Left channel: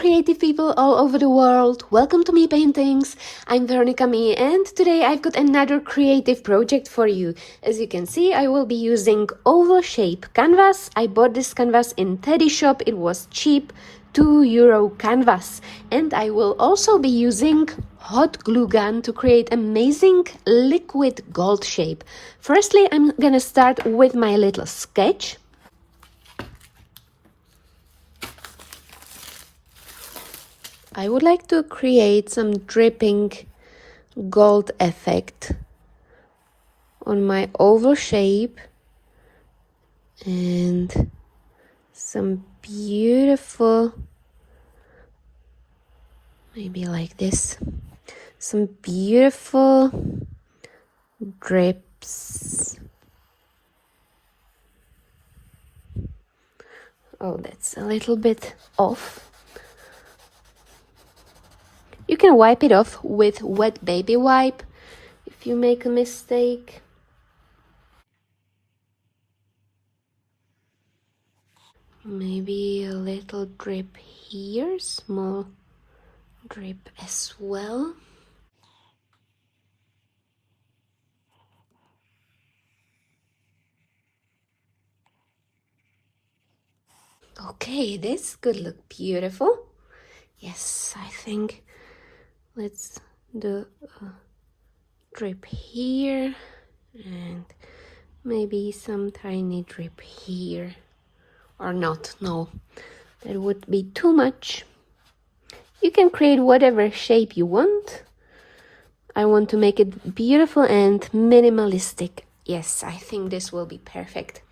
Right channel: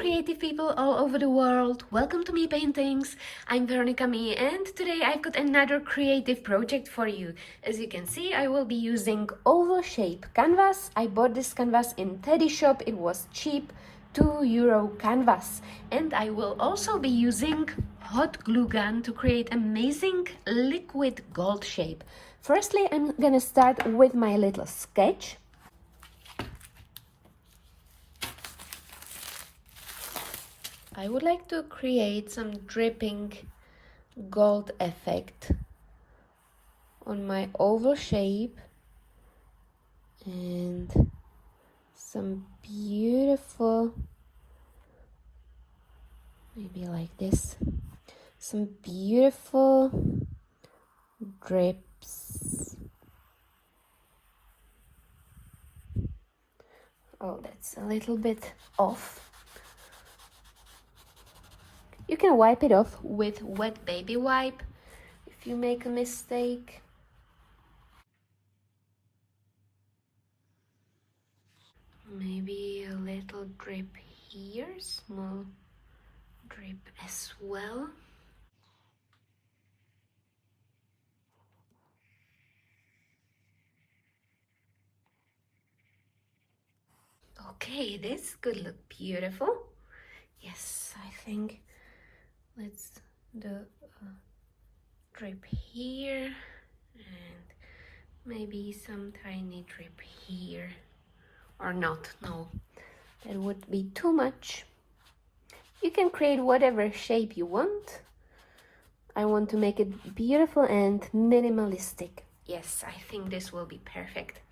creative people all over the world. Welcome to Me Paintings. I'm Veronica Me, and today I've got another creative project for you. As you can see, I will be using oval shape canvas. I bought this canvas in Teddy shop. It was cheap, €2 canvas. And I will also be using hot glue gun to create amazing liquid gold shape. Firstly, I'm gonna start with my little sketch. I would like to create some dripping gold effect on my oval shape and some beautiful, maybe like this, some beautiful drips. Oh, that's a little bit off. You can wipe it off with wet baby wipe if you make a mistake. Maybe a little drip here, small drip as well. Okay, this could look beautiful. Yes, I think let's do a drip here and maybe some tiny drip here, or not. No, that would be too much. You can create whatever shape you want. I want to make it beautiful and minimalistic. Yes, I think this will be perfect.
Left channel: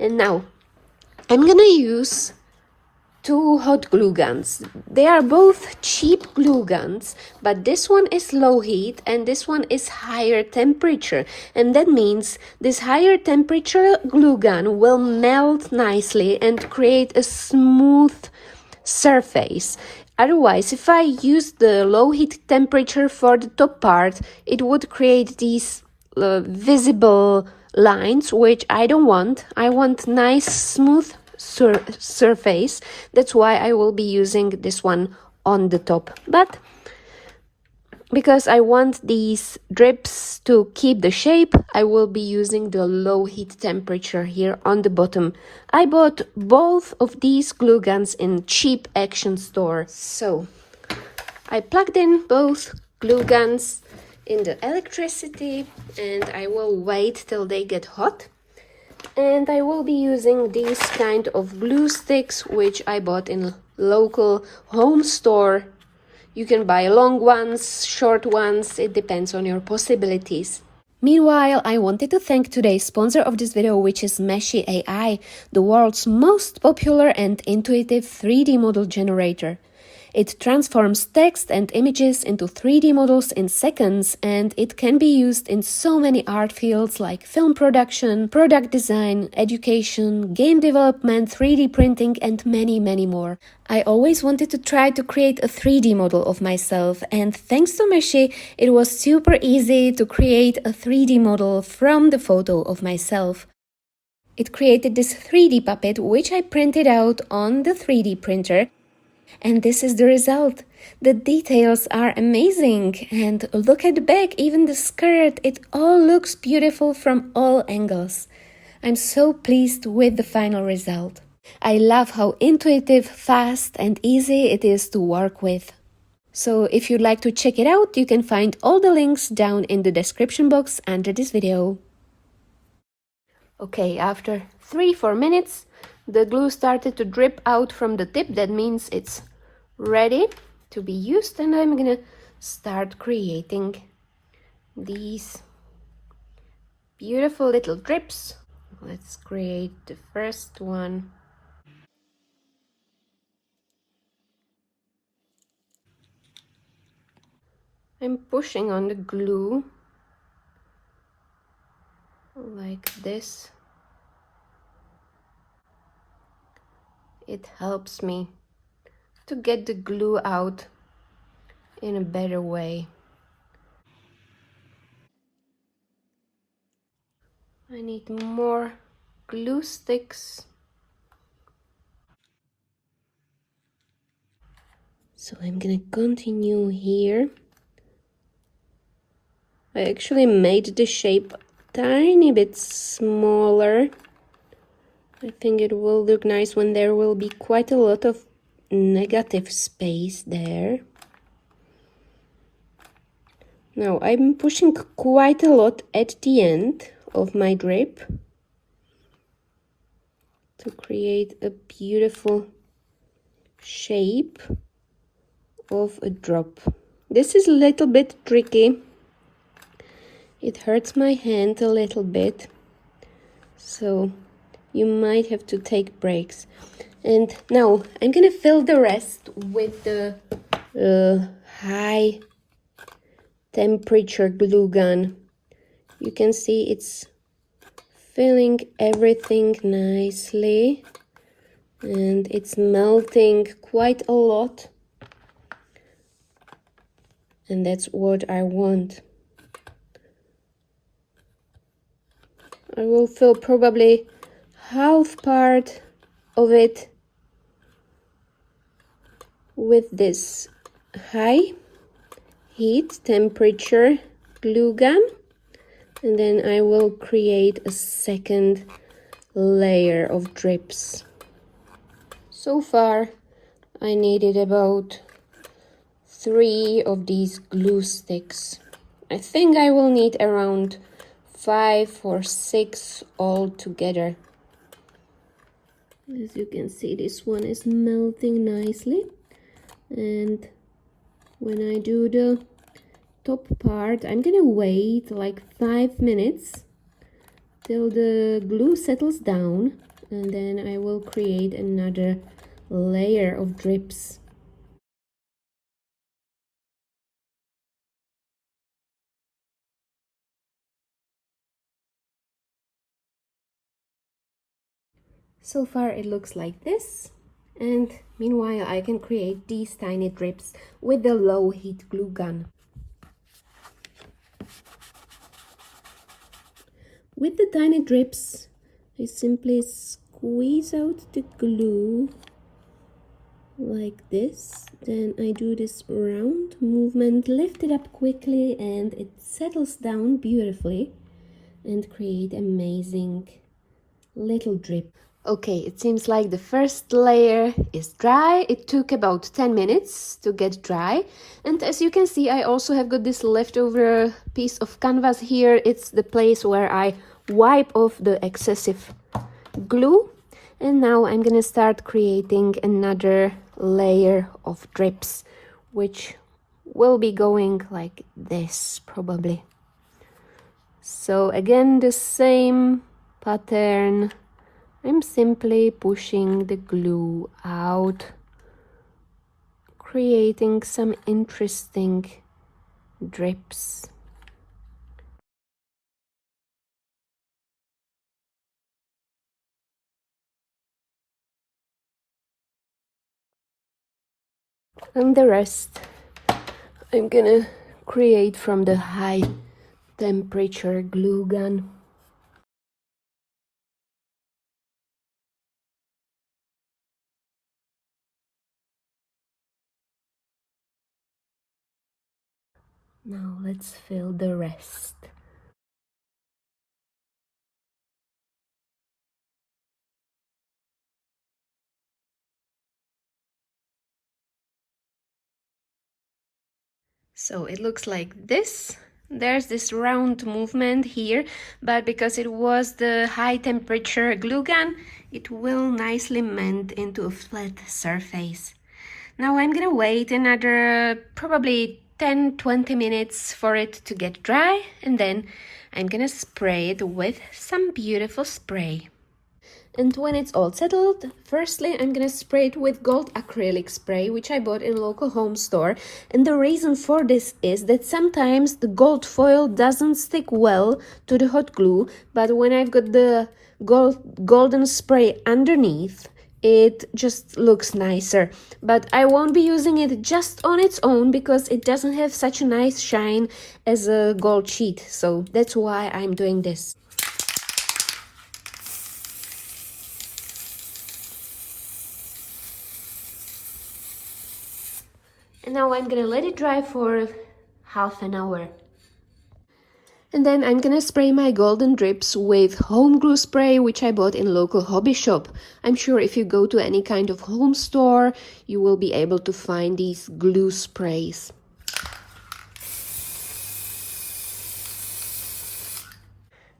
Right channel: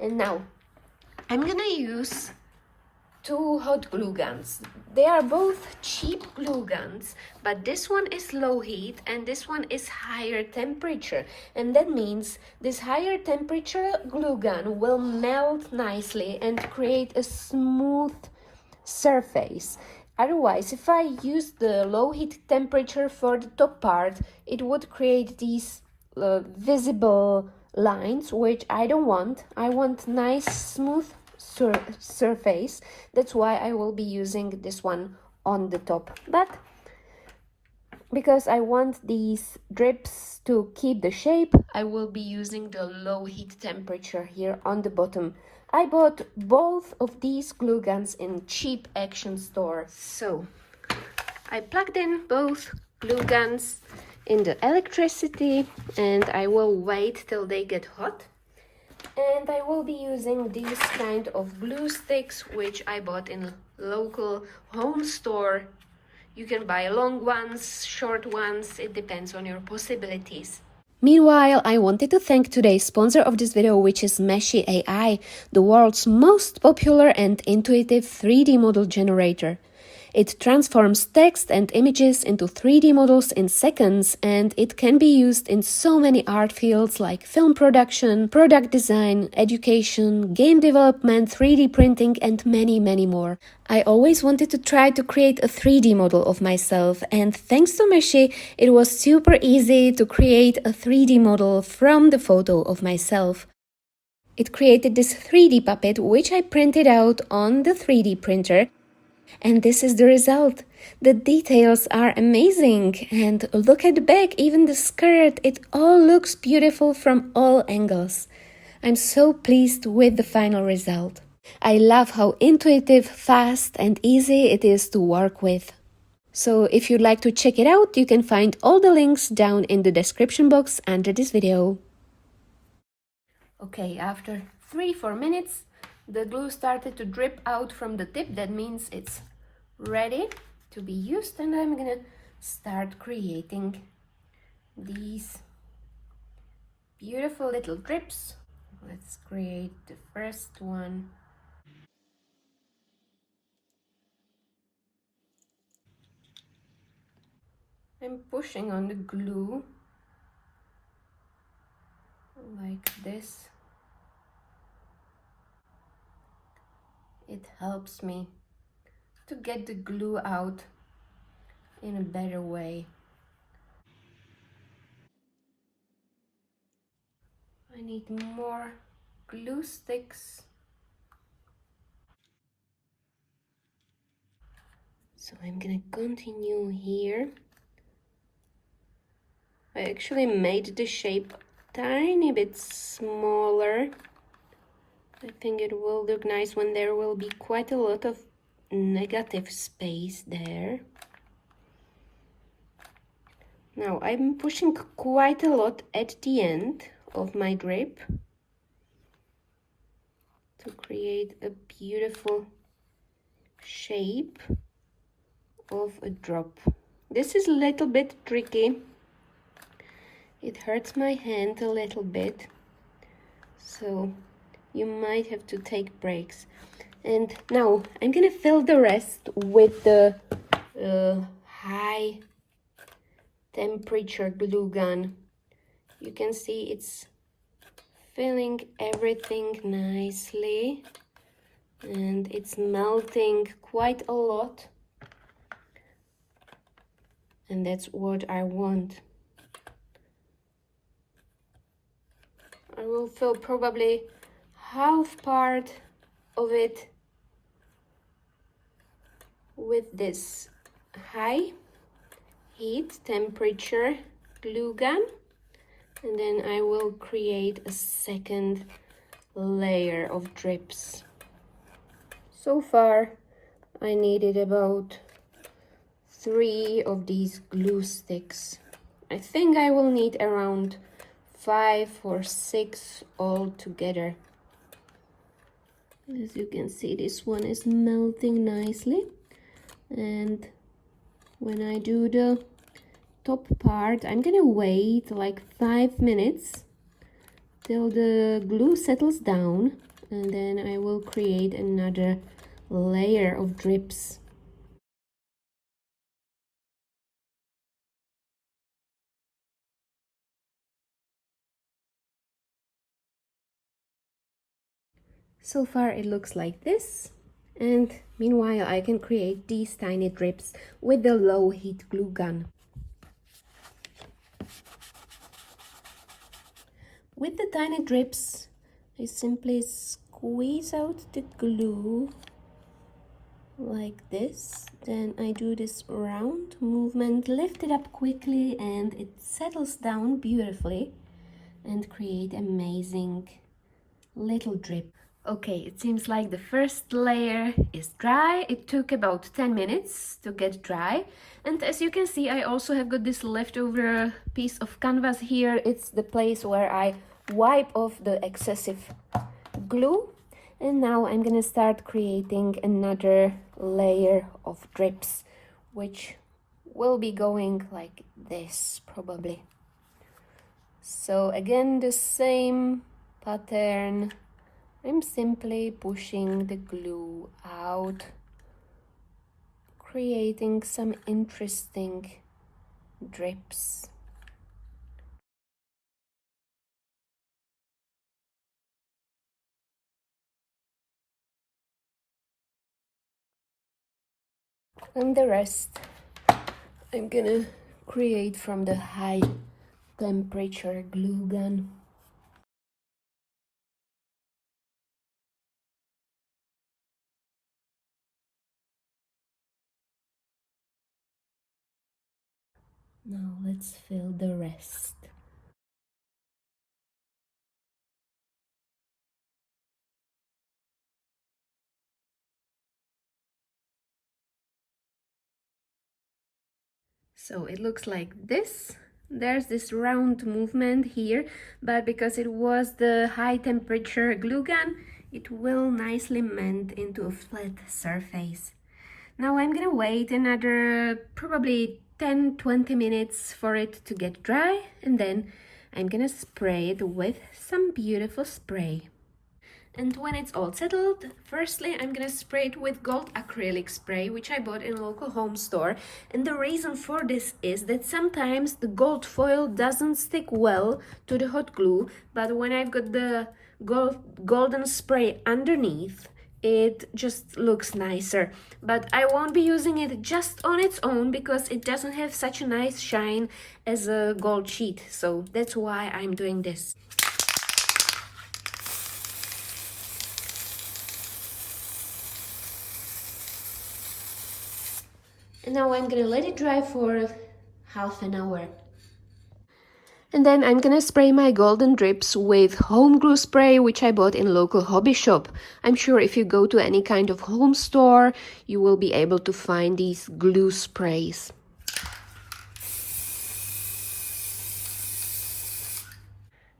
And now I'm gonna use two hot glue guns. They are both cheap glue guns, but this one is low heat and this one is higher temperature. And that means this higher temperature glue gun will melt nicely and create a smooth surface. Otherwise, if I use the low heat temperature for the top part, it would create these visible lines, which I don't want. I want nice smooth surface. That's why I will be using this one on the top. But because I want these drips to keep the shape, I will be using the low heat temperature here on the bottom. I bought both of these glue guns in cheap action store. So I plugged in both glue guns in the electricity and I will wait till they get hot. And I will be using these kind of glue sticks, which I bought in a local home store. You can buy long ones, short ones, it depends on your possibilities. Meanwhile, I wanted to thank today's sponsor of this video, which is Meshy AI, the world's most popular and intuitive 3D model generator. It transforms text and images into 3D models in seconds, and it can be used in so many art fields like film production, product design, education, game development, 3D printing, and many, many more. I always wanted to try to create a 3D model of myself, and thanks to Meshy, it was super easy to create a 3D model from the photo of myself. It created this 3D puppet, which I printed out on the 3D printer. And this is the result. The details are amazing. And look at the back, even the skirt, it all looks beautiful from all angles. I'm so pleased with the final result. I love how intuitive, fast and easy it is to work with. So if you'd like to check it out, you can find all the links down in the description box under this video. Okay, after 3-4 minutes, the glue started to drip out from the tip. That means it's ready to be used, and I'm gonna start creating these beautiful little drips. Let's create the first one. I'm pushing on the glue like this. It helps me to get the glue out in a better way. I need more glue sticks. So I'm gonna continue here. I actually made the shape tiny bit smaller. I think it will look nice when there will be quite a lot of negative space there. Now I'm pushing quite a lot at the end of my drip to create a beautiful shape of a drop. This is a little bit tricky. It hurts my hand a little bit, so you might have to take breaks. And now I'm gonna fill the rest with the high temperature glue gun. You can see it's filling everything nicely and it's melting quite a lot, and that's what I want. I will fill probably half part of it with this high heat temperature glue gun, and then I will create a second layer of drips. So far I needed about 3 of these glue sticks. I think I will need around 5 or 6 all together. As you can see, this one is melting nicely, and when I do the top part, I'm gonna wait like 5 minutes till the glue settles down, and then I will create another layer of drips. So far it looks like this, and meanwhile I can create these tiny drips with the low heat glue gun. With the tiny drips, I simply squeeze out the glue like this. Then I do this round movement, lift it up quickly, and it settles down beautifully and create amazing little drip. Okay, it seems like the first layer is dry. It took about 10 minutes to get dry. And as you can see, I also have got this leftover piece of canvas here. It's the place where I wipe off the excessive glue. And now I'm gonna start creating another layer of drips, which will be going like this probably. So again, the same pattern. I'm simply pushing the glue out, creating some interesting drips. And the rest I'm gonna create from the high temperature glue gun. Now let's fill the rest. So it looks like this. There's this round movement here, but because it was the high temperature glue gun, it will nicely mend into a flat surface. Now I'm gonna wait another probably 10-20 minutes for it to get dry, and then I'm gonna spray it with some beautiful spray. And when it's all settled, firstly I'm gonna spray it with gold acrylic spray, which I bought in local home store. And the reason for this is that sometimes the gold foil doesn't stick well to the hot glue, but when I've got the golden spray underneath, it just looks nicer. But I won't be using it just on its own because it doesn't have such a nice shine as a gold sheet, so that's why I'm doing this. And now I'm gonna let it dry for half an hour. And then I'm gonna spray my golden drips with home glue spray, which I bought in local hobby shop. I'm sure if you go to any kind of home store, you will be able to find these glue sprays.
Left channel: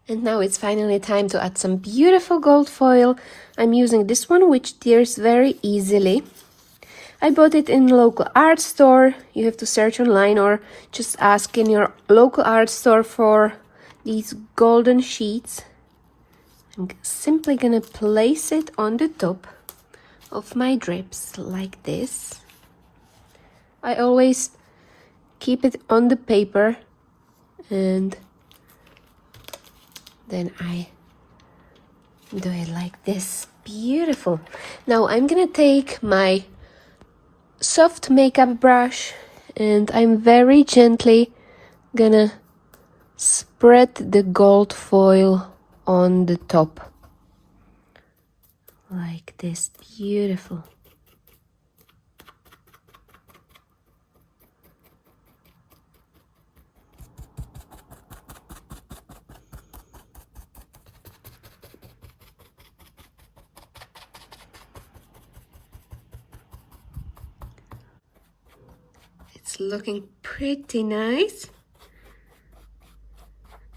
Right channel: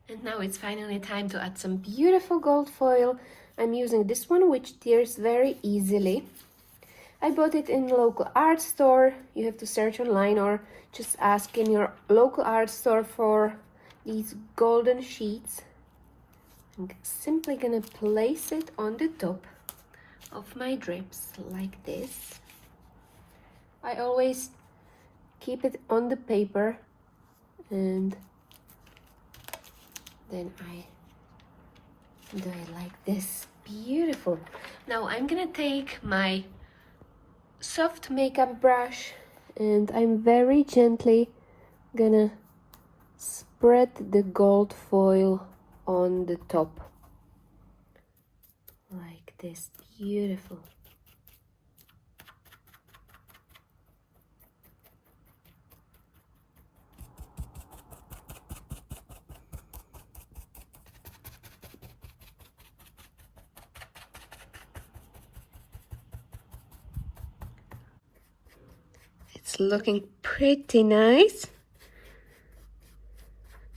And now it's finally time to add some beautiful gold foil. I'm using this one, which tears very easily. I bought it in local art store. You have to search online or just ask in your local art store for these golden sheets. I'm simply gonna place it on the top of my drips like this. I always keep it on the paper and then I do it like this. Beautiful. Now I'm gonna take my soft makeup brush and I'm very gently gonna spread the gold foil on the top like this. Beautiful. It's looking pretty nice.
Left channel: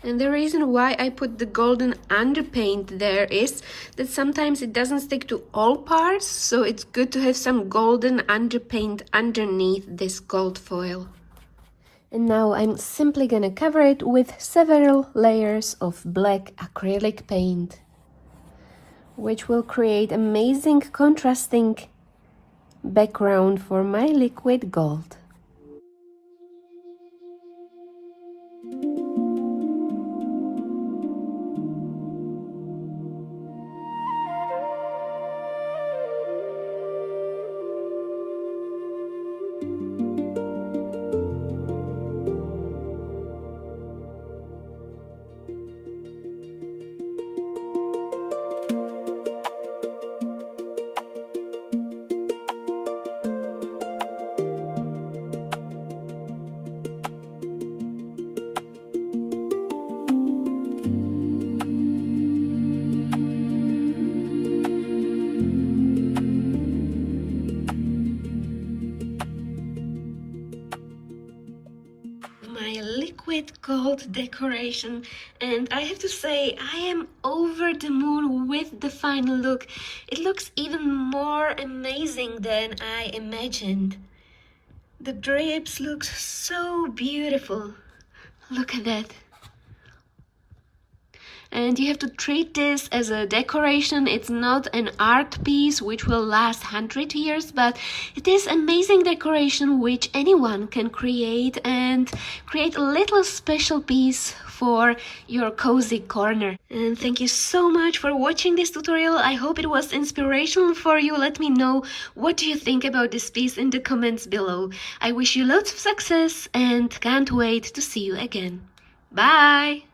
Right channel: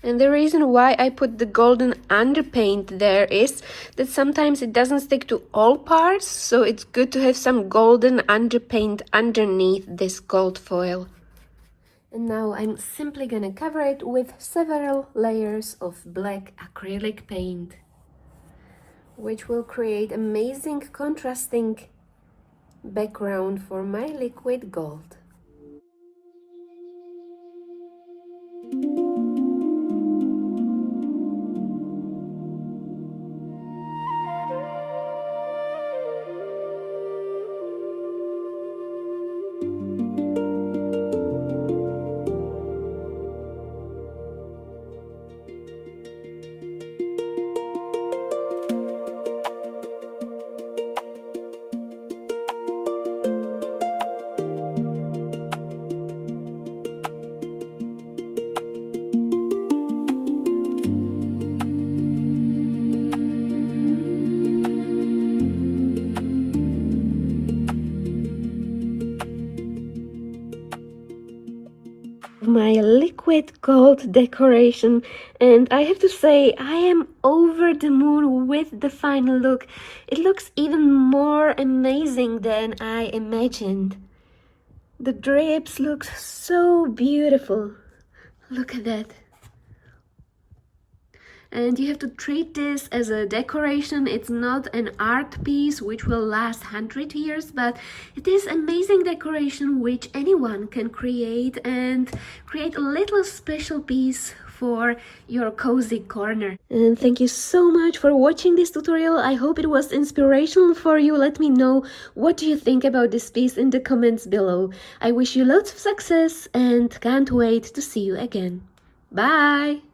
And the reason why I put the golden underpaint there is that sometimes it doesn't stick to all parts, so it's good to have some golden underpaint underneath this gold foil. And now I'm simply gonna cover it with several layers of black acrylic paint, which will create amazing contrasting background for my liquid gold. My liquid gold decoration, and I have to say I am over the moon with the final look. It looks even more amazing than I imagined. The drapes look so beautiful. Look at that. And you have to treat this as a decoration. It's not an art piece which will last 100 years, but it is amazing decoration which anyone can create and create a little special piece for your cozy corner. And thank you so much for watching this tutorial. I hope it was inspirational for you. Let me know what do you think about this piece in the comments below. I wish you lots of success and can't wait to see you again. Bye!